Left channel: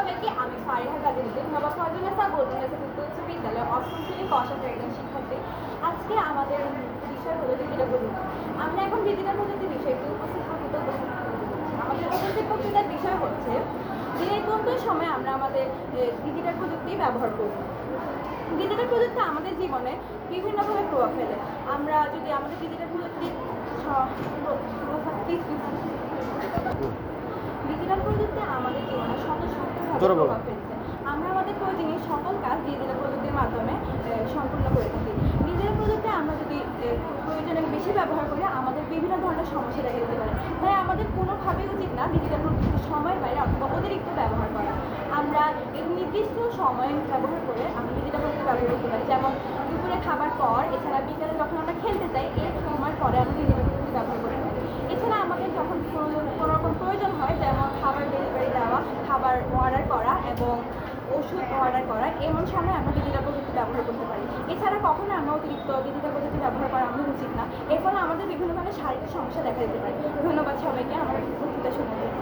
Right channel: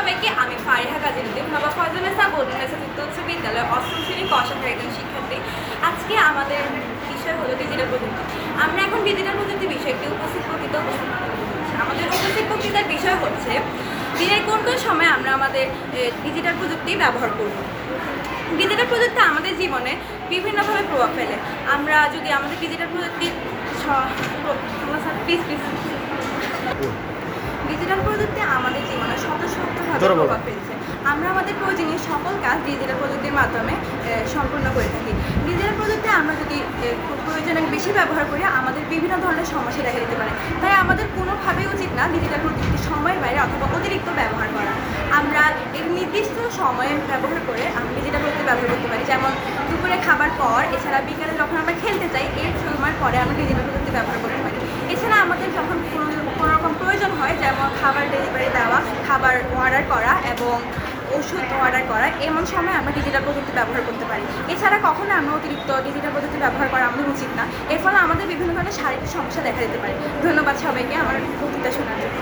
সবাইকে আমি ফারিহা গাজীউদ্দিন বাবা ফজলেসা তৃতীয় উচ্চ বিদ্যালয় অষ্টম শ্রেণির কষাখার একজন শিক্ষার্থী আজকে আমাদের বিষয় হলো ডিজিটাল প্রযুক্তি আমরা এখন ডিজিটাল প্রযুক্তি বিষয়টি উপস্থিত করছি। আমাদের উপস্থিত বক্তৃতার বিষয় হচ্ছে দিনের কোন কোন সময় আমরা আমাদের ডিজিটাল প্রযুক্তি ব্যবহার করব ডিজিটাল প্রযুক্তি আমাদের জীবনে বিভিন্নভাবে প্রভাব ফেলে আমরা যদি আমাদের ডিজিটাল প্লিজ ডিজিটাল প্রযুক্তি আমাদের জীবনে বলো। প্রভাব ফেলছে। আমরা আমাদের প্রয়োজনীয় সকল কাজ ডিজিটাল প্রযুক্তির মাধ্যমে সম্পূর্ণ করে থাকি। ডিজিটাল প্রযুক্তি আমরা যদি এ, প্রয়োজনে বেশি ব্যবহার করি আমাদের বিভিন্ন ধরনের সমস্যা দেখা দিতে পারে। তাই আমাদের কোনোভাবেই উচিত না ডিজিটাল প্রযুক্তি সময়ের বাইরে অথবা অতিরিক্ত ব্যবহার করা। আমরা এর নির্দিষ্ট সময়ে ব্যবহার করে আমরা ডিজিটাল প্রযুক্তি ব্যবহার করতে পারি। যেমন দুপুরে খাবার পর এছাড়া বিকালে যখন আমরা খেলতে চাই এর সময় পরে আমরা ডিজিটাল প্রযুক্তি ব্যবহার করতে পারি এছাড়া আমাদের যখন কোনো কোনো রকম প্রয়োজন হয় যেমন খাবার ডেলিভারি দেওয়া খাবার অর্ডার করা এবং ওষুধ অর্ডার করা, এমন সময় আমরা ডিজিটাল প্রযুক্তি ব্যবহার করতে পারি। এছাড়া কখনো আমরা অতিরিক্ত ডিজিটাল প্রযুক্তি ব্যবহার করা আমাদের উচিত না। এর ফলে আমাদের বিভিন্ন ধরনের শারীরিক সমস্যা দেখা দিতে পারে। ধন্যবাদ সবাইকে আমার বক্তৃতা শোনার জন্য।